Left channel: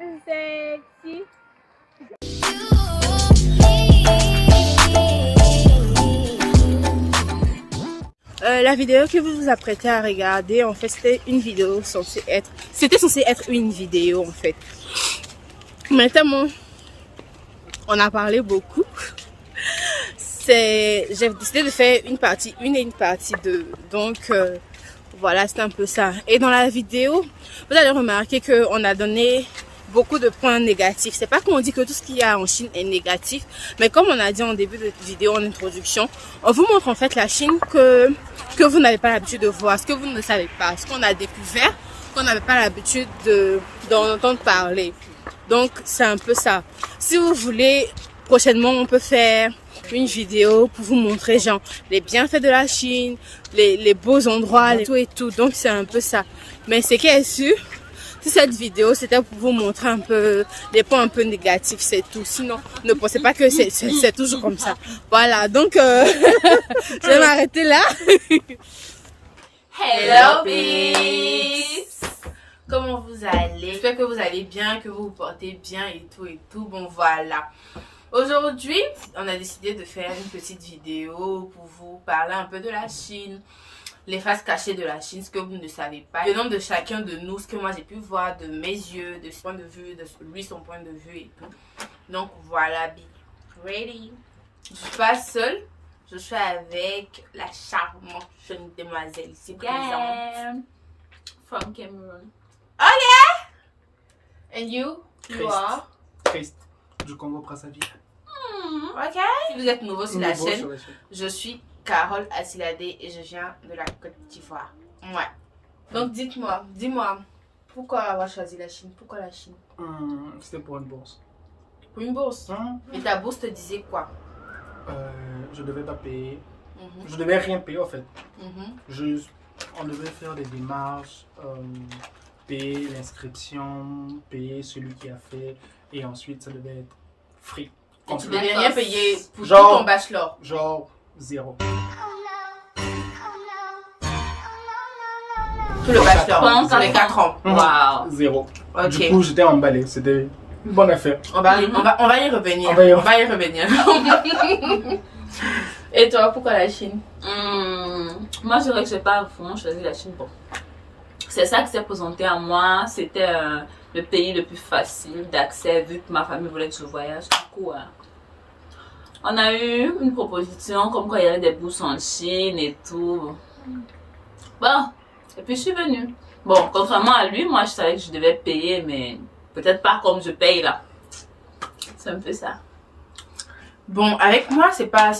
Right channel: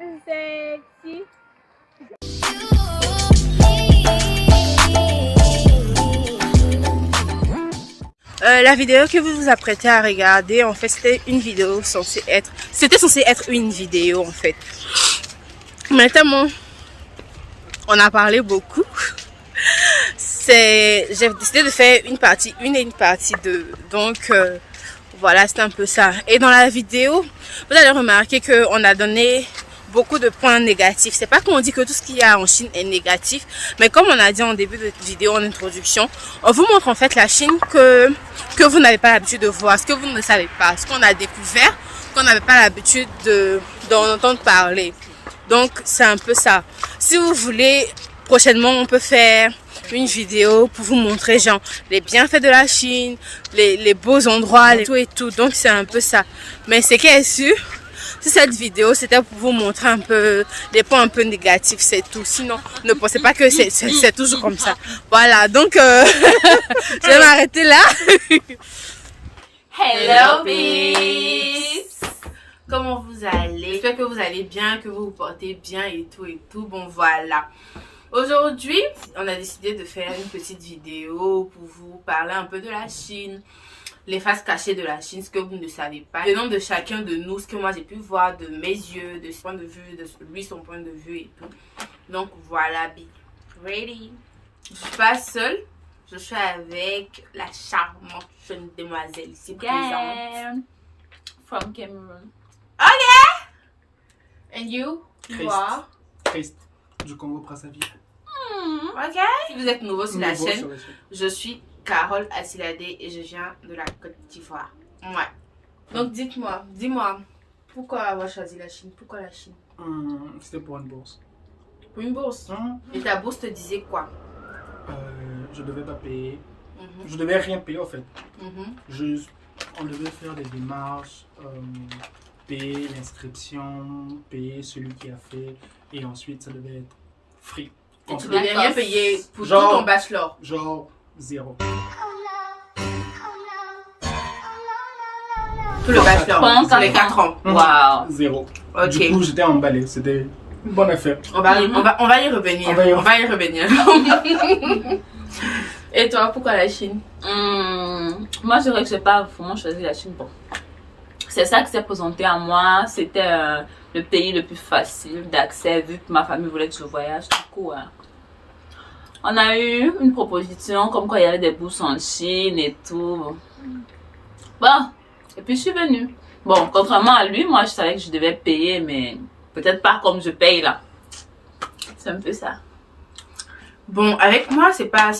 Sexy. La vidéo que vous vous apprêtez à regarder, en fait, c'était une vidéo censée être... C'était censé être une vidéo, en fait. Mais tellement on a parlé beaucoup, j'ai décidé de faire une partie 1 et une partie 2. Donc, voilà, c'est un peu ça. Et dans la vidéo, vous allez remarquer qu'on a donné beaucoup de points négatifs. C'est pas qu'on dit que tout ce qu'il y a en Chine est négatif, mais comme on a dit en début de vidéo, en introduction, on vous montre en fait la Chine que vous n'avez pas l'habitude de voir, ce que vous ne savez pas, ce qu'on a découvert, qu'on n'avait pas l'habitude d'en entendre parler. Donc c'est un peu ça. Si vous voulez, prochainement on peut faire une vidéo pour vous montrer genre les bienfaits de la Chine, les beaux endroits, tout et tout. Donc c'est un peu ça. Mais c'est qu'elle est sûr, si cette vidéo c'était pour vous montrer un peu des points un peu négatifs, c'est tout. Sinon ne pensez pas que c'est toujours comme ça. Voilà, donc je vais m'arrêter là. Hello peace. Comment vous allez? J'espère que vous allez bien, que vous vous portez bien et tout et tout. Bon voilà. Aujourd'hui, on a décidé de faire une petite vidéo pour vous parler un peu de la Chine, les faces cachées de la Chine, ce que vous ne savez pas, le nom de chacun de nous, ce que moi j'ai pu voir de mes yeux, de son point de vue, de lui son point de vue et tout. Donc voilà, be ready. Je suis pas seule, je suis avec la charmante jeune demoiselle ici présente. From Cameroon. Okay. And you are? Christ du Congo Brazzaville. Ok. Si vous êtes nouveau sur la chaîne, je suis Carole Asilade et je viens de la Côte d'Ivoire. Ouais. Donc dis-moi, pourquoi avoir choisi la Chine? Pourquoi la Chine? C'était pour une bourse. Pour une bourse? Et ta bourse te disait quoi? Je devais pas payer. Je devais rien payer en fait. On devait faire des démarches, payer l'inscription, payer celui qui a fait, et ensuite ça devait être free. Et tu devais rien payer pour tout ton bachelor? Genre 0. Tout le bachelor, pour les 4 ans. Wow. 0. Ok. Du coup j'étais emballé, c'était une bonne affaire. On va y revenir. On va y revenir. Et toi, pourquoi la Chine? Moi, je dirais que je n'ai pas vraiment choisi la Chine. Bon, c'est ça qui s'est présenté à moi. C'était le pays le plus facile d'accès vu que ma famille voulait que je voyage. Du coup, on a eu une proposition comme quoi il y avait des bourses en Chine et tout. Bon, et puis je suis venue. Bon, contrairement à lui, moi je savais que je devais payer, mais peut-être pas comme je paye là. C'est un peu ça. Bon, avec moi, c'est pas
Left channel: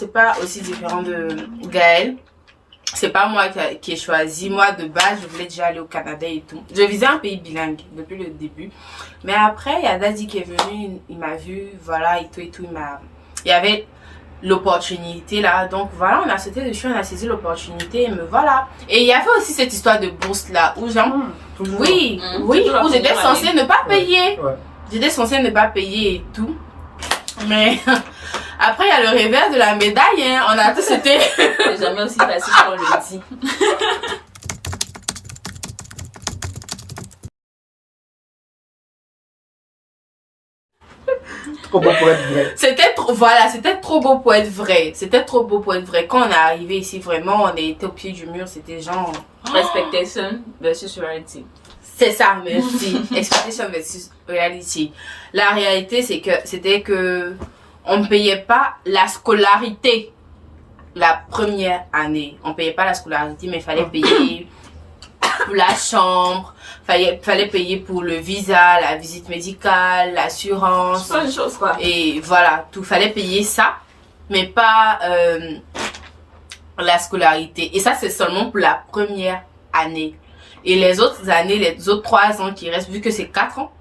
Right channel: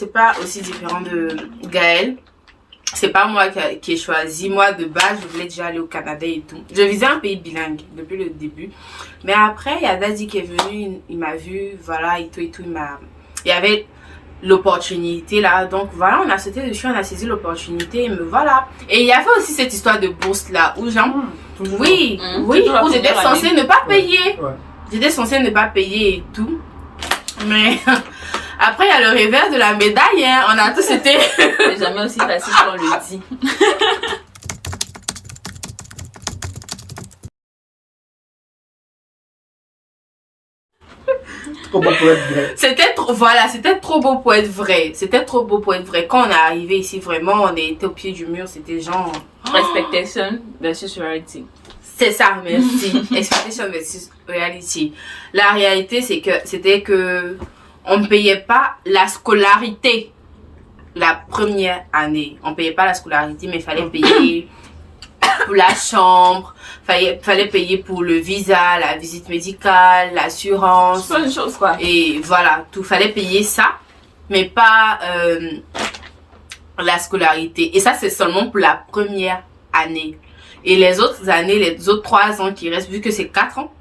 aussi différent de Gaël. C'est pas moi qui ai choisi. Moi, de base, je voulais déjà aller au Canada et tout. Je visais un pays bilingue depuis le début. Mais après, il y a Daddy qui est venu, il m'a vu, voilà, et tout, il y avait l'opportunité là. Donc voilà, on a sauté dessus, on a saisi l'opportunité, et me voilà. Et il y avait aussi cette histoire de bourse là, où genre, oui, où j'étais censée ne pas payer. J'étais censée ne pas payer et tout. Mais après, il y a le revers de la médaille, hein. On a tous été... C'est jamais aussi facile qu'on le dit. Trop beau pour être vrai. C'était trop beau pour être vrai. C'était trop beau pour être vrai. Quand on est arrivé ici, vraiment, on était au pied du mur. C'était genre... Expectation versus reality. C'est ça, merci. Expectation versus reality. La réalité, c'était que on ne payait pas la scolarité la première année. On ne payait pas la scolarité, mais il fallait payer pour la chambre, fallait payer pour le visa, la visite médicale, l'assurance. Plein de choses, quoi. Et voilà, tout. Fallait payer ça, mais pas la scolarité. Et ça, c'est seulement pour la première année. Et les autres années, les autres 3 ans qui restent, vu que c'est 4 ans,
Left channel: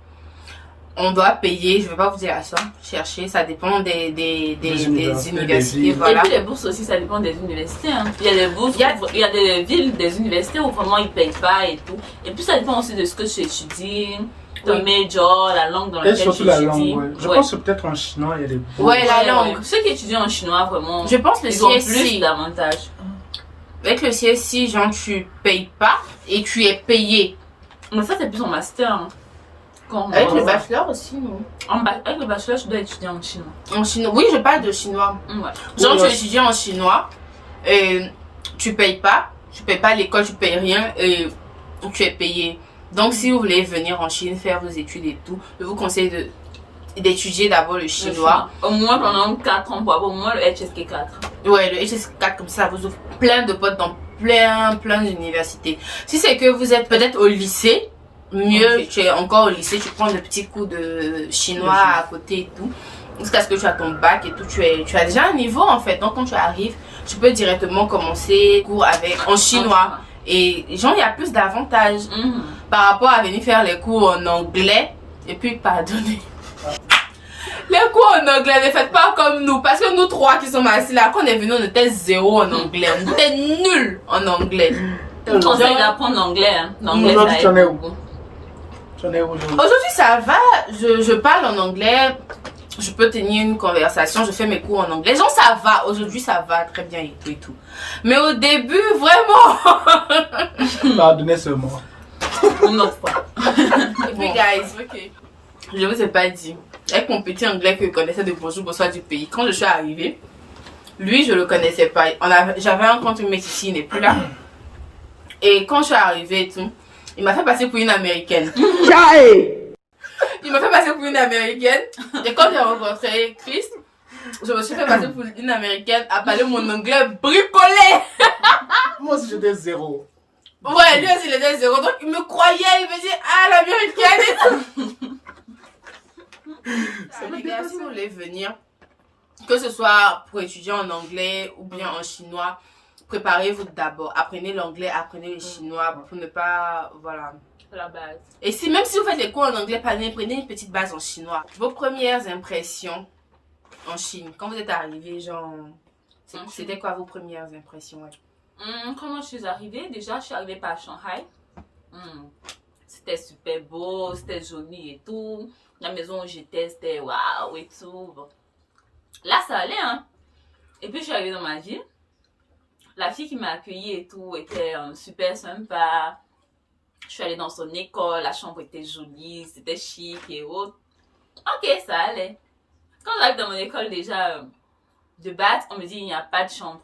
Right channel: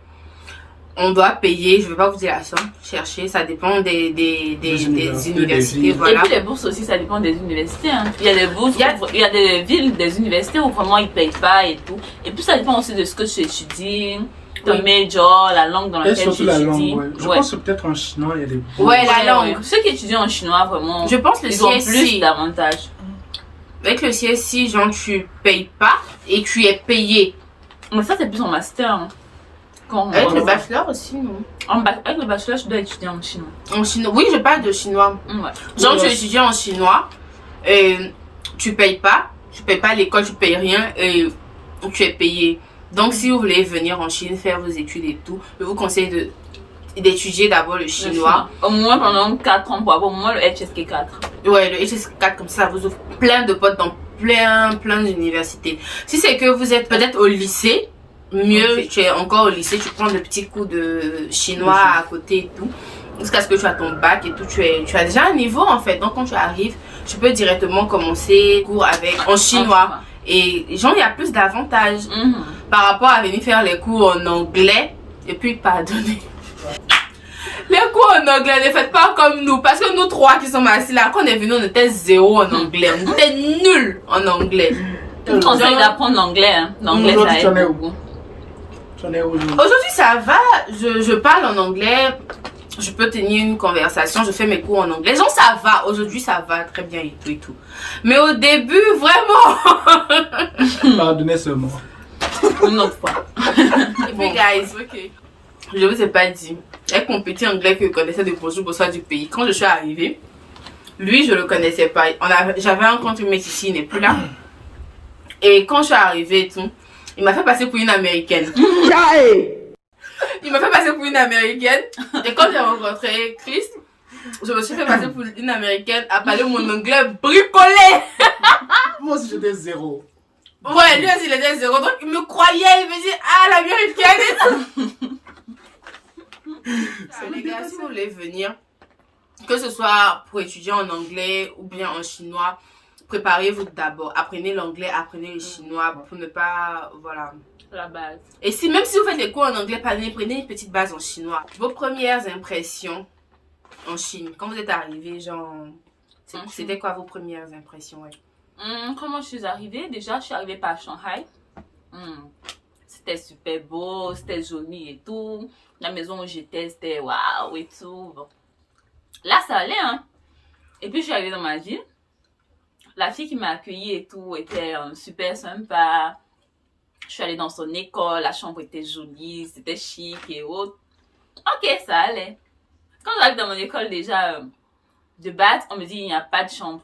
on doit payer, je ne vais pas vous dire la somme, chercher, ça dépend des universités, voilà. Et puis les bourses aussi, ça dépend des universités. Hein. Il y a des bourses, il y a des villes, des universités où vraiment ils ne payent pas et tout. Et puis ça dépend aussi de ce que tu étudies, ton major, la langue dans laquelle tu étudies. La langue, ouais. Je pense que peut-être en chinois, il y a des bourses. Ouais, la langue. Ceux qui étudient en chinois, vraiment, je pense ils ont plus d'avantages. Avec le CSI, genre tu payes pas et tu es payé. Mais ça, c'est plus en master. Hein. Avec le bachelor aussi, non? Avec le bachelor, je dois étudier en chinois. En chinois? Oui, je parle de chinois. Ouais. Genre, tu étudies en chinois et tu payes pas l'école, tu payes rien et tu es payé. Donc, si vous voulez venir en Chine, faire vos études et tout, je vous conseille d'étudier d'abord le chinois. Au moins pendant 4 ans pour avoir au moins le HSK4. Ouais, le HSK4, comme ça vous ouvre plein de potes dans plein d'universités. Si c'est que vous êtes peut-être au lycée, mieux, tu es encore au lycée, tu prends de petits cours de chinois à côté et tout. Jusqu'à ce que tu as ton bac et tout, tu as déjà un niveau en fait. Donc quand tu arrives, tu peux directement commencer cours en chinois. Et genre, il y a plus d'avantages par rapport à venir faire les cours en anglais. Et puis, pardonnez. Les cours en anglais, ne faites pas comme nous. Parce que nous trois qui sommes assis là, quand on est venus, on était zéro en anglais. On était nuls en anglais. Je vous conseille d'apprendre l'anglais. Hein. L'anglais, ça aide beaucoup. Aujourd'hui, ça va. Je parle en anglais. Je peux tenir une conversation. Je fais mes cours en anglais. Genre, ça va. Aujourd'hui, ça va très bien et tout et tout. Mais au début, vraiment. Pardonnez seulement. Une autre fois. Et puis, guys, je vous ai pas dit. Avec mon petit anglais que je connaissais de bonjour, bonsoir du pays. Quand je suis arrivée, lui, je le connaissais pas. J'avais rencontré un mec ici, il n'est plus là. Et quand je suis arrivée et tout, il m'a fait passer pour une américaine. Il m'a fait passer pour une américaine. Et quand j'ai rencontré Chris, je me suis fait passer pour une américaine à parler mon anglais bricolé. Moi aussi, j'étais zéro. Ouais, lui aussi, il était zéro. Donc, il me croyait. Il me dit, ah, l'américaine. Les gars, si vous voulez venir, que ce soit pour étudier en anglais ou bien en chinois, préparez-vous d'abord. Apprenez l'anglais, apprenez le chinois pour ne pas, voilà. La base. Et même si vous faites les cours en anglais, prenez une petite base en chinois. Vos premières impressions en Chine, quand vous êtes arrivé, genre, c'était quoi vos premières impressions? Comment je suis arrivée? Déjà, je suis arrivée par Shanghai. C'était super beau, c'était joli et tout. La maison où j'étais, c'était waouh et tout. Bon. Là, ça allait, hein. Et puis, je suis arrivée dans ma ville. La fille qui m'a accueillie et tout était super sympa. Je suis allée dans son école, la chambre était jolie, c'était chic et autres. Ok, ça allait. Quand j'arrive dans mon école déjà de base, on me dit il n'y a pas de chambre.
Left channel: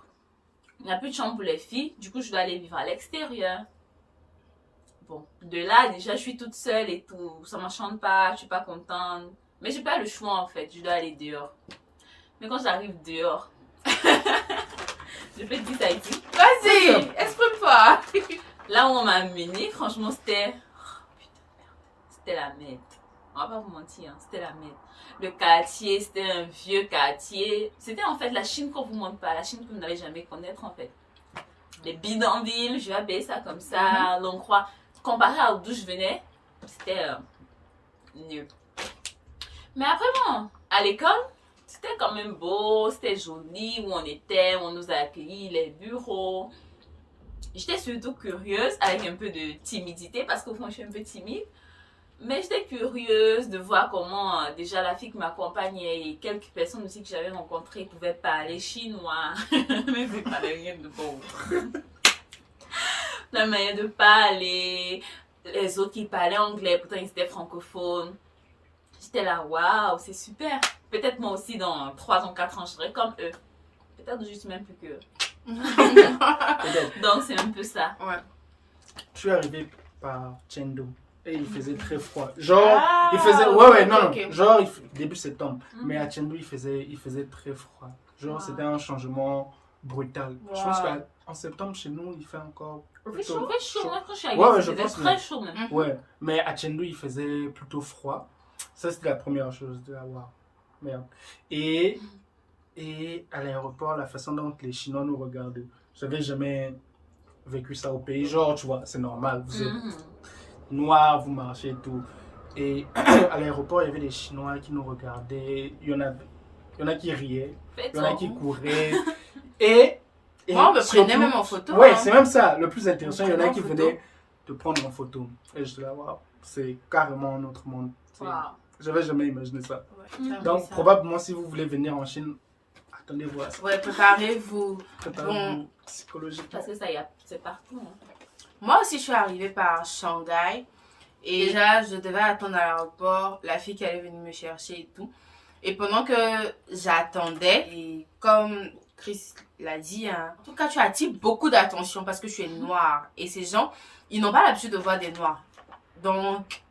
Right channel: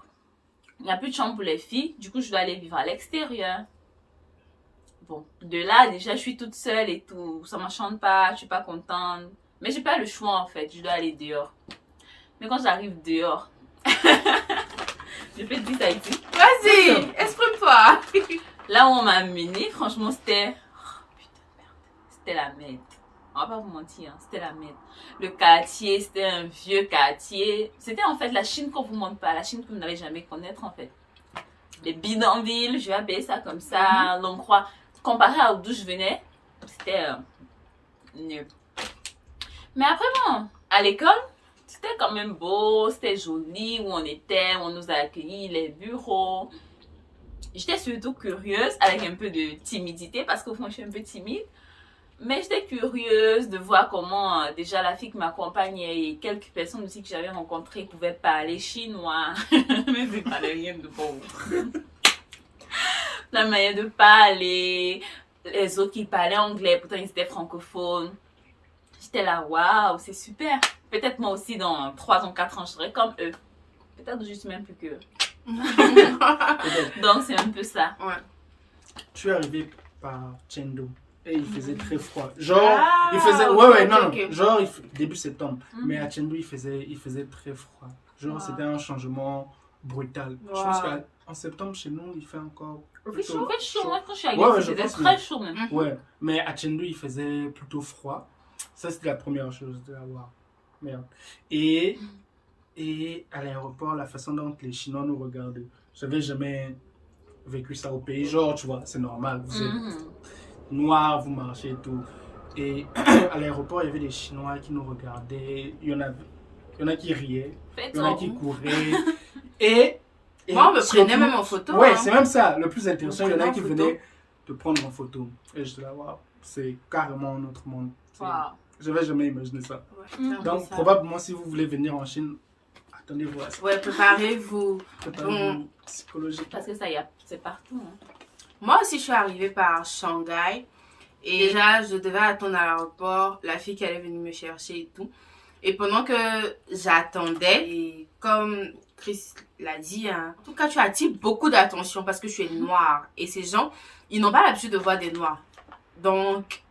Il n'y a plus de chambre pour les filles, du coup je dois aller vivre à l'extérieur. Bon, de là déjà je suis toute seule et tout, ça m'enchante pas, je suis pas contente. Mais j'ai pas le choix en fait, je dois aller dehors. Mais quand j'arrive dehors, je peux te dire ça ici. Vas-y, exprime-toi. Là où on m'a amené, franchement, c'était... Oh, putain de merde. C'était la merde. On va pas vous mentir, hein. C'était la merde. Le quartier, c'était un vieux quartier. C'était en fait la Chine qu'on vous montre pas. La Chine que vous n'allez jamais connaître en fait. Les bidonvilles, je vais appeler ça comme ça. L'on croit. Comparé à d'où je venais, c'était nul. Mais après, bon, à l'école, c'était quand même beau. C'était joli où on était, où on nous a accueillis, les bureaux. J'étais surtout curieuse, avec un peu de timidité, parce qu'au fond, je suis un peu timide. Mais j'étais curieuse de voir comment déjà la fille qui m'accompagnait et quelques personnes aussi que j'avais rencontrées pouvaient parler chinois. Mais je ne parlais rien de bon. La manière de parler, les autres qui parlaient anglais, pourtant ils étaient francophones. J'étais là, waouh, c'est super. Peut-être moi aussi, dans 3 ans, 4 ans, je serai comme eux. Peut-être que je suis même plus qu'eux. Donc c'est un peu ça. Ouais. Je suis arrivé par Chengdu et il faisait très froid. Genre, il faisait. Ouais, non. Genre, début septembre. Mais à Chengdu, il faisait très froid. Genre, c'était un changement brutal. Je pense qu'en septembre, chez nous, il fait encore. Il fait chaud. Moi, quand je suis arrivée, c'était très chaud même. Ouais, mais à Chengdu, il faisait plutôt froid. Ça, c'était la première chose de avoir. Merde. Et à l'aéroport, la façon dont les Chinois nous regardaient. J'avais jamais vécu ça au pays. Genre, tu vois, c'est normal. Vous êtes noirs, vous marchez et tout. Et à l'aéroport, il y avait des Chinois qui nous regardaient. Il y en a qui riaient. Il y en a qui couraient. Et moi, on me prenait même en photo. Ouais, c'est même ça. Le plus intéressant, il y en a qui venaient te prendre en photo. Et je te dis, waouh, c'est carrément un autre monde. J'avais jamais imaginé ça. Donc, probablement, si vous voulez venir en Chine, attendez-vous à ça. Ouais, préparez-vous. Préparez-vous psychologiquement. Parce que ça, c'est partout. Hein. Moi aussi, je suis arrivée par Shanghai. Et déjà, je devais attendre à l'aéroport, la fille qui allait venir me chercher et tout. Et pendant que j'attendais, et comme Chris l'a dit, hein, en tout cas, tu attires beaucoup d'attention parce que tu es noire. Et ces gens, ils n'ont pas l'habitude de voir des noirs. Donc,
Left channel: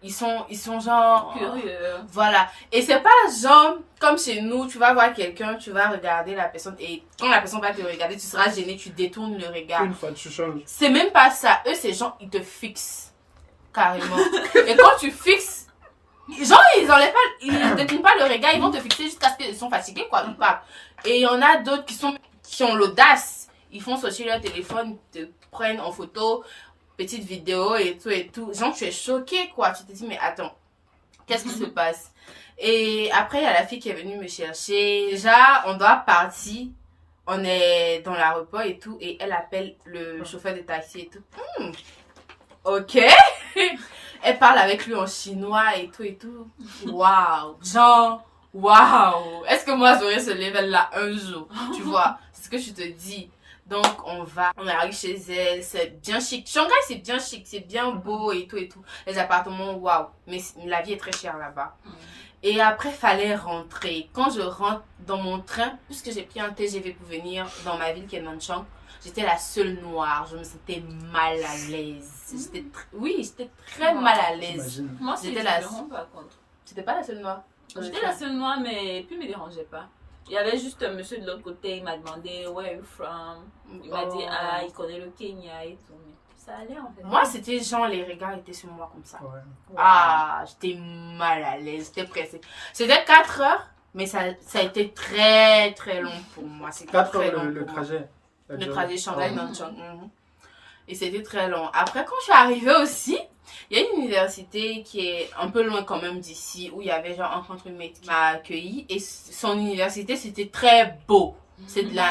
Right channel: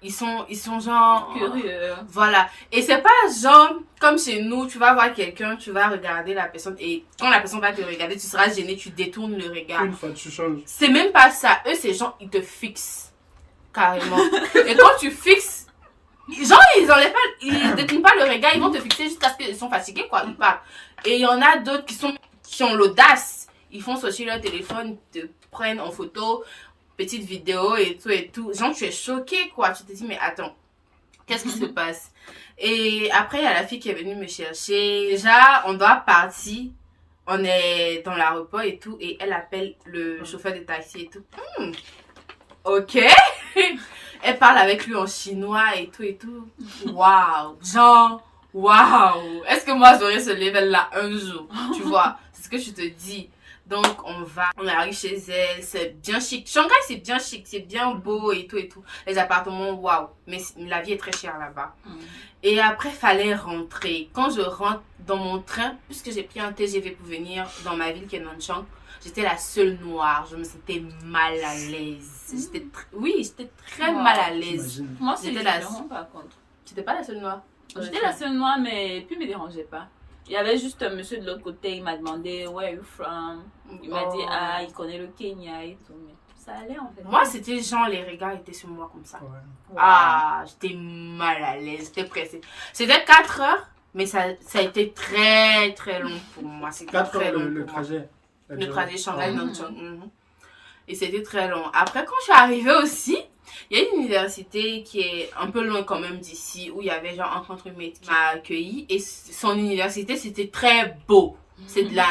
ils sont genre... Curieux. Voilà. Et c'est pas genre, comme chez nous, tu vas voir quelqu'un, tu vas regarder la personne. Et quand la personne va te regarder, tu seras gêné, tu détournes le regard. Une fois, tu changes. C'est même pas ça. Eux, ces gens, ils te fixent. Carrément. Et quand tu fixes, genre, ils détournent pas le regard, ils vont te fixer jusqu'à ce qu'ils sont fatigués, quoi. Ils partent. Et il y en a d'autres qui ont l'audace. Ils font sortir leur téléphone, ils te prennent en photo, petite vidéo et tout. Genre, tu es choqué, quoi. Tu te dis, mais attends, qu'est-ce qui se passe? Et après, il y a la fille qui est venue me chercher. Déjà, on doit partir. On est dans l'aéroport et tout. Et elle appelle le chauffeur de taxi et tout. Ok. Elle parle avec lui en chinois et tout. Waouh. Genre, waouh. Est-ce que moi j'aurais ce level là un jour? Tu vois, c'est ce que je te dis. Donc on arrive chez elle, c'est bien chic. Shanghai c'est bien chic, c'est bien beau et tout. Les appartements, waouh. Mais la vie est très chère là-bas. Et après, fallait rentrer. Quand je rentre dans mon train, puisque j'ai pris un TGV pour venir dans ma ville qui est Nanchang, j'étais la seule noire. Je me sentais mal à l'aise. J'étais très mal à l'aise. Moi, c'était la seule. Par contre. C'était pas la seule noire? J'étais la seule noire, mais puis il me dérangeait pas. Il y avait juste un monsieur de l'autre côté, il m'a demandé Where are you from? Il m'a dit il connaît le Kenya et tout. Mais ça allait en fait. Moi, c'était genre les regards étaient sur moi comme ça. Ouais. J'étais mal à l'aise, j'étais pressée. C'était 4 heures, mais ça a été très très long pour moi. C'était 4 très heures long le pour moi. trajet. Le trajet Shanghai-Nanchang. Et c'était très long. Après, quand je suis arrivée aussi, il y a une université qui est un peu loin quand même d'ici, où il y avait genre un contre maître qui m'a accueilli. Et son université, c'était très beau.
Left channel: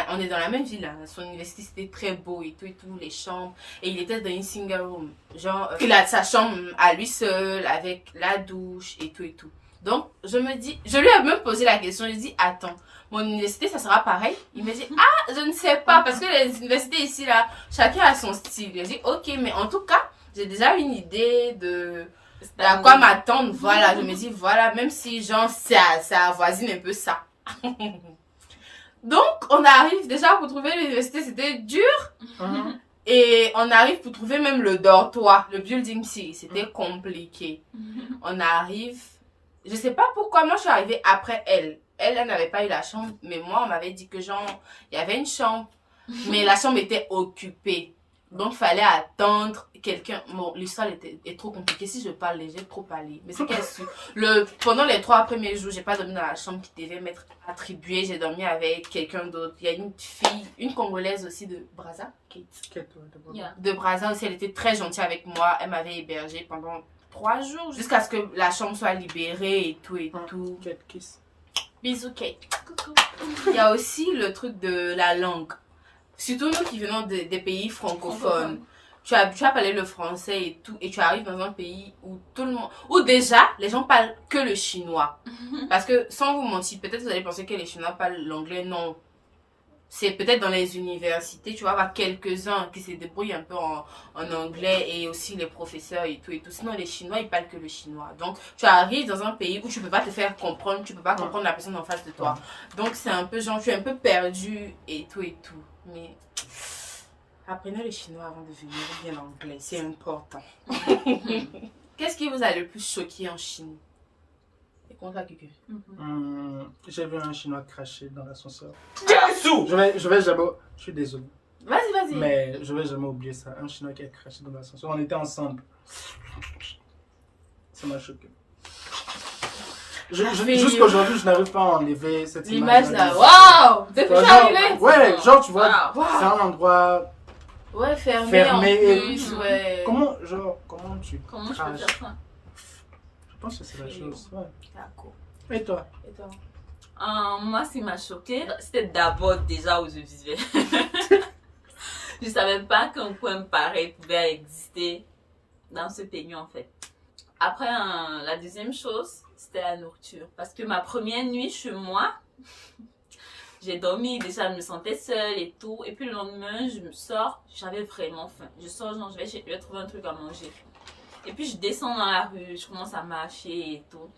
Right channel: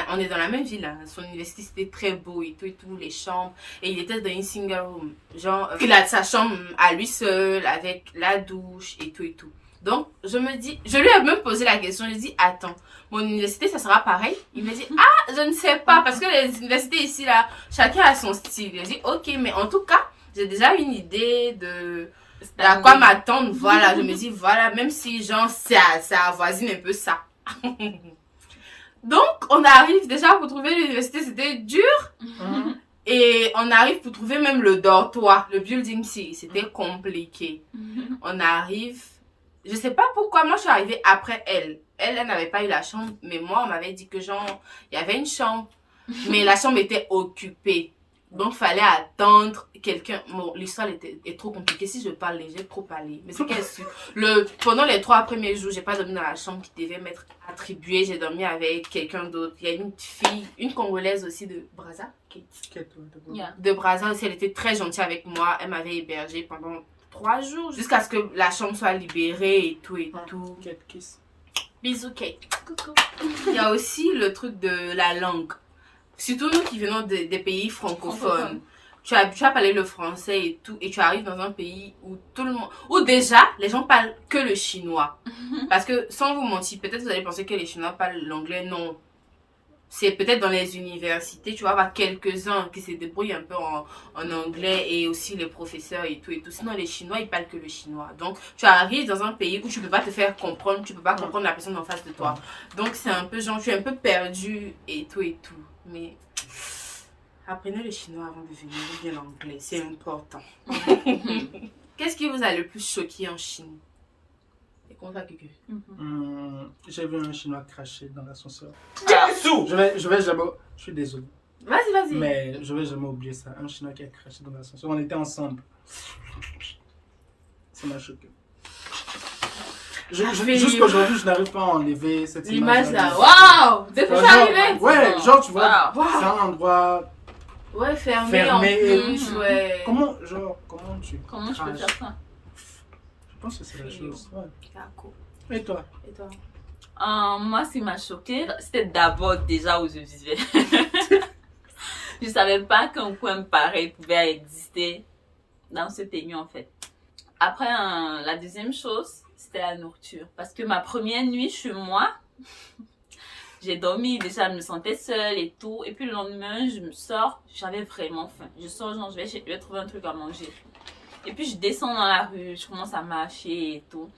On est dans la même ville. Hein. Son université, c'était très beau et tout, les chambres. Et il était dans une single room. Genre, il a sa chambre à lui seul, avec la douche et tout. Donc, je lui ai même posé la question. Je dis, attends, mon université, ça sera pareil? Il me dit, je ne sais pas, parce que les universités ici, là, chacun a son style. Je dis, ok, mais en tout cas, j'ai déjà une idée de à quoi m'attendre. Voilà, je me dis, voilà, même si, genre, ça avoisine un peu ça. Donc, on arrive déjà pour trouver l'université, c'était dur. Et on arrive pour trouver même le dortoir, le building C, c'était compliqué. On arrive, je sais pas pourquoi, moi je suis arrivée après elle. Elle n'avait pas eu la chambre, mais moi on m'avait dit que genre, il y avait une chambre, mais la chambre était occupée. Donc, fallait attendre quelqu'un. Bon, l'histoire est trop compliquée. Si je parle, j'ai trop parlé. Mais c'est qu'elle su. Pendant les 3 premiers jours, j'ai pas dormi dans la chambre qui devait m'être attribuée. J'ai dormi avec quelqu'un d'autre. Il y a une fille, une Congolaise aussi de Brazza. Kate. De Brazza aussi. Elle était très gentille avec moi. Elle m'avait hébergée pendant 3 jours. Jusqu'à ce que la chambre soit libérée et tout. Kate kiss. Bisous, Kate. Coucou. Il y a aussi le truc de la langue. Surtout nous qui venons des pays francophones. Tu as parlé le français et tout, et tu arrives dans un pays où tout le monde, où déjà les gens parlent que le chinois. Parce que sans vous mentir, peut-être vous allez penser que les Chinois parlent l'anglais, non. C'est peut-être dans les universités, tu vas avoir quelques-uns qui se débrouillent un peu en anglais, et aussi les professeurs et tout. Sinon les Chinois ils parlent que le chinois. Donc tu arrives dans un pays où tu peux pas te faire comprendre, tu peux pas comprendre la personne en face de toi. Donc c'est un peu genre, tu es un peu perdu et tout. Mais apprenez le chinois avant de venir, ou bien l'anglais, c'est important. Qu'est-ce qui vous a le plus choqué en Chine? C'est comme ça, Kiki. J'ai vu un chinois cracher dans l'ascenseur. Jésus! Je vais jamais. Je suis désolé. Vas-y. Mais je vais jamais oublier ça. Un chinois qui a craché dans l'ascenseur. On était ensemble. Ça m'a choqué. Jusqu'aujourd'hui, je n'arrive pas à enlever cette image. L'image là, waouh! Depuis que je suis arrivée! Ouais, genre, tu vois, Wow. c'est un endroit Ouais, fermé fermé. en plus, ouais. Comment tu Comment je peux craches? faire ça? Je pense que c'est la chose. Ouais. D'accord. Et toi? Moi, ce qui m'a choqué, c'était d'abord déjà où je vivais. Je savais pas qu'un coin pareil pouvait exister dans ce pays en fait. Après, la deuxième chose, c'était la nourriture. Parce que ma première nuit chez moi, j'ai dormi, déjà je me sentais seule et tout. Et puis le lendemain, je me sors, j'avais vraiment faim. Je sors, genre, je vais trouver un truc à manger. Et puis je descends dans la rue, je commence à marcher et tout.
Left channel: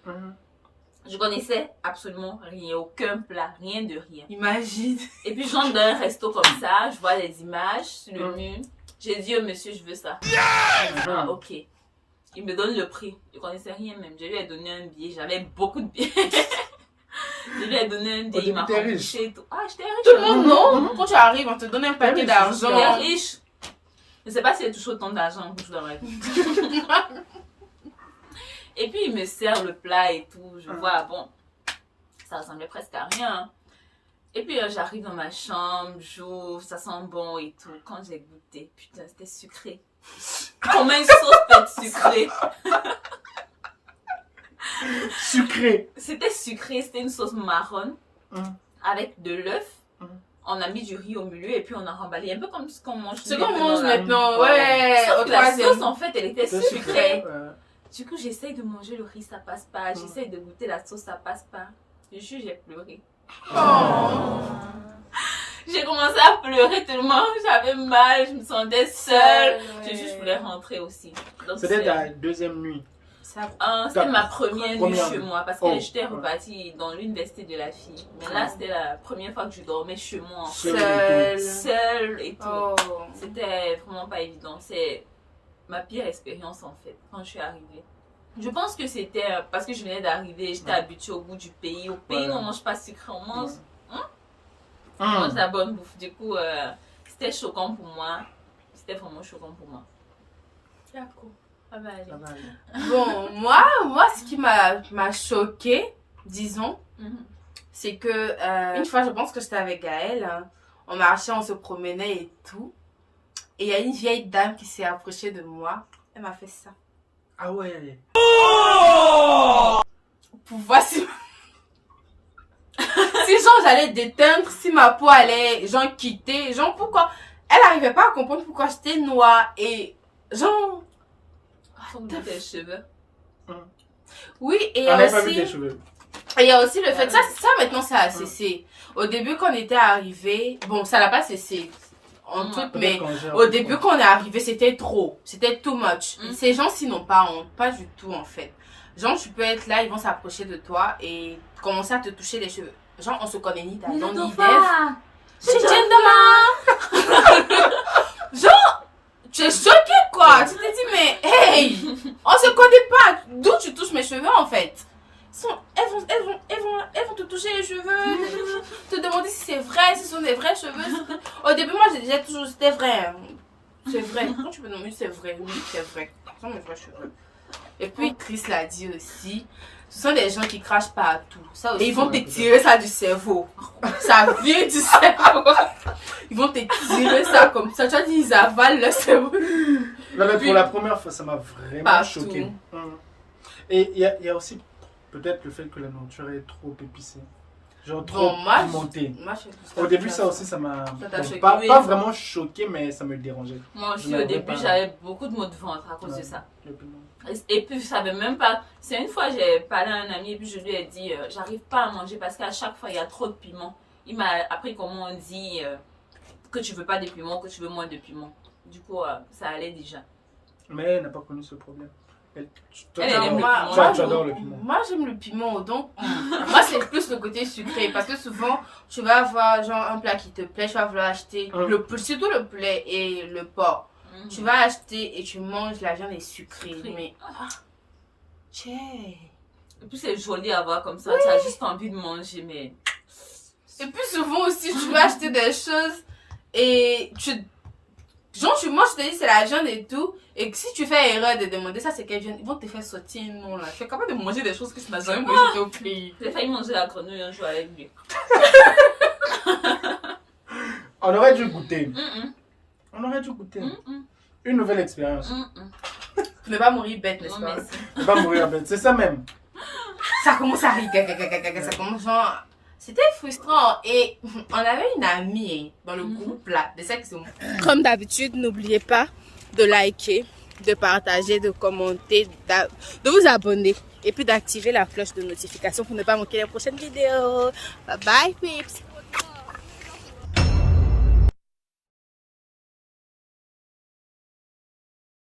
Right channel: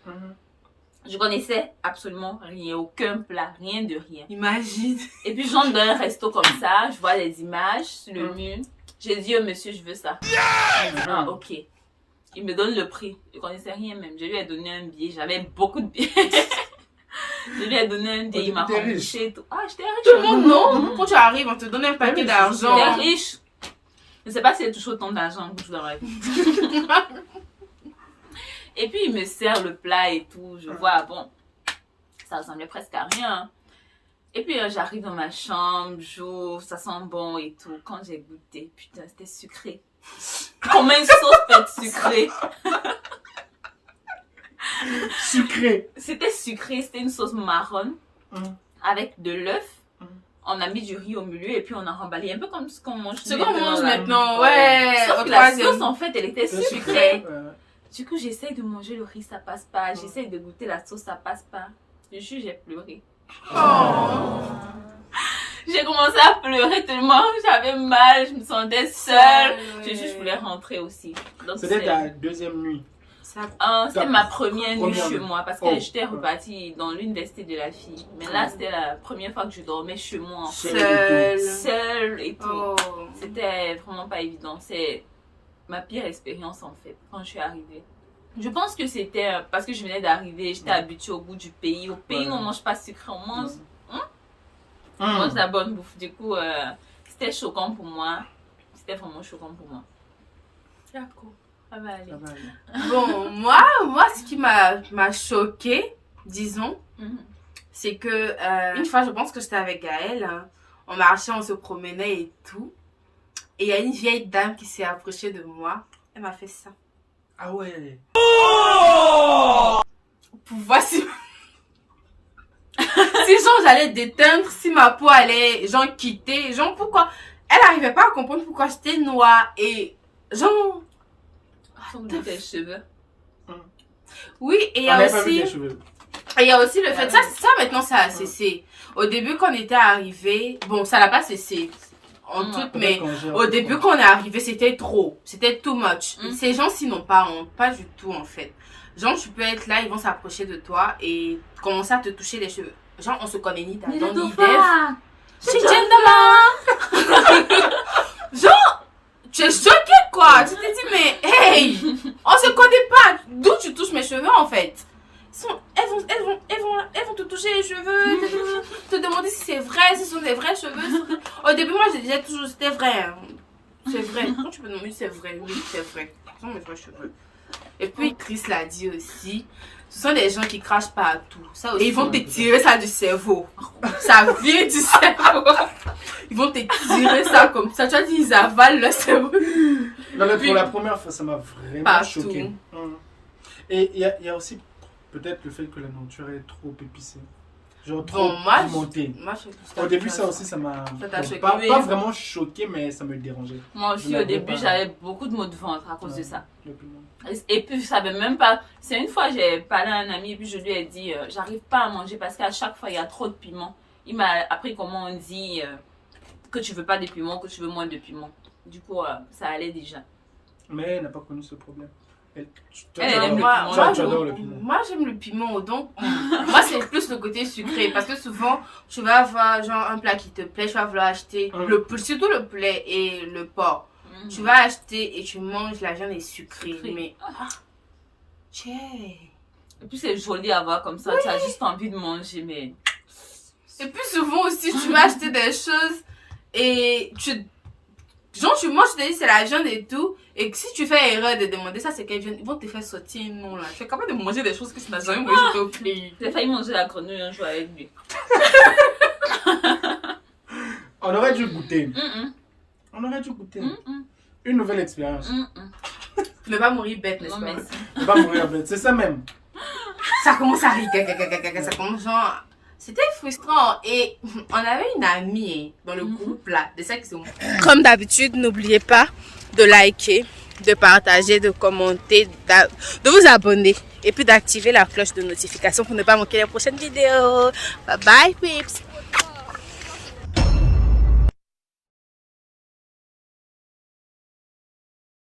Je connaissais absolument rien, aucun plat, rien de rien. Imagine. Et puis j'entre dans un resto comme ça, je vois les images sur le mur. J'ai dit au monsieur, je veux ça. Ah, ok. Il me donne le prix. Je connaissais rien même. Je lui ai donné un billet. J'avais beaucoup de billets. Je lui ai donné un billet. Il m'a remboursé et tout. Ah, j'étais riche. Tout le monde, non. Quand tu arrives, on te donne un paquet d'argent. J'étais riche. Je ne sais pas s'il y a toujours autant d'argent dans la vie. Et puis il me sert le plat et tout. Je vois, bon, ça ressemblait presque à rien. Et puis j'arrive dans ma chambre, j'ouvre, ça sent bon et tout. Quand j'ai goûté, putain, c'était sucré. Comment une sauce peut être sucrée? Sucré. C'était sucré, c'était une sauce marron avec de l'œuf. On a mis du riz au milieu et puis on a remballé un peu comme ce qu'on mange. Ce qu'on mange maintenant, ouais. Sauf que la sauce, en fait, elle était sucrée. Du coup, j'essaye de manger le riz, ça passe pas. J'essaye de goûter la sauce, ça passe pas. Je jure, j'ai pleuré. J'ai commencé à pleurer tellement j'avais mal, je me sentais seule. Je voulais rentrer aussi. C'était ta deuxième nuit. C'était ma première nuit chez moi parce que j'étais repartie dans l'université de la fille. Mais là, c'était la première fois que je dormais chez moi. Seule et tout. C'était vraiment pas évident. C'est ma pire expérience en fait quand je suis arrivée. Je pense que c'était parce que je venais d'arriver, j'étais habituée au goût du pays. Au pays, on mange pas sucré, on mange, on mange la bonne bouffe. Du coup, c'était choquant pour moi. C'était vraiment choquant pour moi. D'accord. Ça va aller. Bon, moi, ce qui m'a choquée, disons, c'est que une fois, je pense que j'étais avec Gaëlle, hein, on marchait, on se promenait et tout. Et il y a une vieille dame qui s'est approchée de moi. Elle m'a fait ça. Ah ouais. Pour voir si genre j'allais déteindre, si ma peau allait genre quitter, genre pourquoi. Elle n'arrivait pas à comprendre pourquoi j'étais noire et genre. De tes cheveux. Oui, et il y a aussi. Et il y a aussi le fait, ça maintenant ça a cessé. Au début quand on était arrivé, bon ça n'a pas cessé. En tout, mais au début quand on est arrivé, c'était trop. C'était too much. Ces gens-ci n'ont pas honte. Pas du tout, en fait. Genre, tu peux être là, ils vont s'approcher de toi et commencer à te toucher les cheveux. Genre, on se connaît ni d'Adam, ni d'Ève. C'est gentleman. Genre, tu es choqué, quoi. Tu te dis, mais hey, on se connaît pas. D'où tu touches mes cheveux, en fait? Elles vont te toucher les cheveux, te demander si c'est vrai, si ce sont des vrais cheveux. Au début, moi, je disais toujours, c'était vrai. Hein. C'est vrai. Quand tu peux demander, c'est vrai. Oui, c'est vrai. Ce sont mes vrais cheveux. Et puis, Chris l'a dit aussi, ce sont des gens qui crachent partout. Ça aussi, et ils vont te tirer ça du cerveau. Ça vient du cerveau. Ils vont te tirer ça comme ça. Tu as dit, ils avalent le cerveau. Non, mais pour la première fois, ça m'a vraiment choqué. Et il y a aussi peut-être le fait que la nourriture est trop épicée. Genre trop pimentée. Au début, ça aussi, ça m'a pas vraiment choqué, mais ça me dérangeait. Moi aussi, au début, j'avais beaucoup de maux de ventre à cause de ça. Et puis, je savais même pas. C'est une fois, j'ai parlé à un ami et puis je lui ai dit, j'arrive pas à manger parce qu'à chaque fois, il y a trop de piment. Il m'a appris comment on dit que tu veux pas de piment, que tu veux moins de piment. Du coup, ça allait déjà. Mais elle n'a pas connu ce problème. Moi, j'aime le piment, donc moi c'est plus le côté sucré parce que souvent tu vas avoir genre un plat qui te plaît, tu vas vouloir acheter surtout le poulet et le porc. Tu vas acheter et tu manges, la viande est sucrée, mais et puis c'est joli à voir comme ça, tu as juste envie de manger, mais et puis souvent aussi tu vas acheter des choses et tu manges, tu te dis c'est la viande et tout. Et si tu fais erreur de demander ça, c'est quelle viande, ils vont te faire sortir non là. Tu es capable de manger des choses que tu n'as jamais mangé au pays. J'ai failli manger la grenouille un jour avec lui. On aurait dû goûter. On aurait dû goûter. Une nouvelle expérience. Ne pas mourir bête, n'est-ce pas? Ne pas mourir bête, c'est ça même. Ça commence à rire. Ça commence genre. C'était frustrant et on avait une amie dans le groupe là, de ça qui sont. Comme d'habitude, n'oubliez pas de liker, de partager, de commenter, de vous abonner et puis d'activer la cloche de notification pour ne pas manquer les prochaines vidéos. Bye bye, peeps!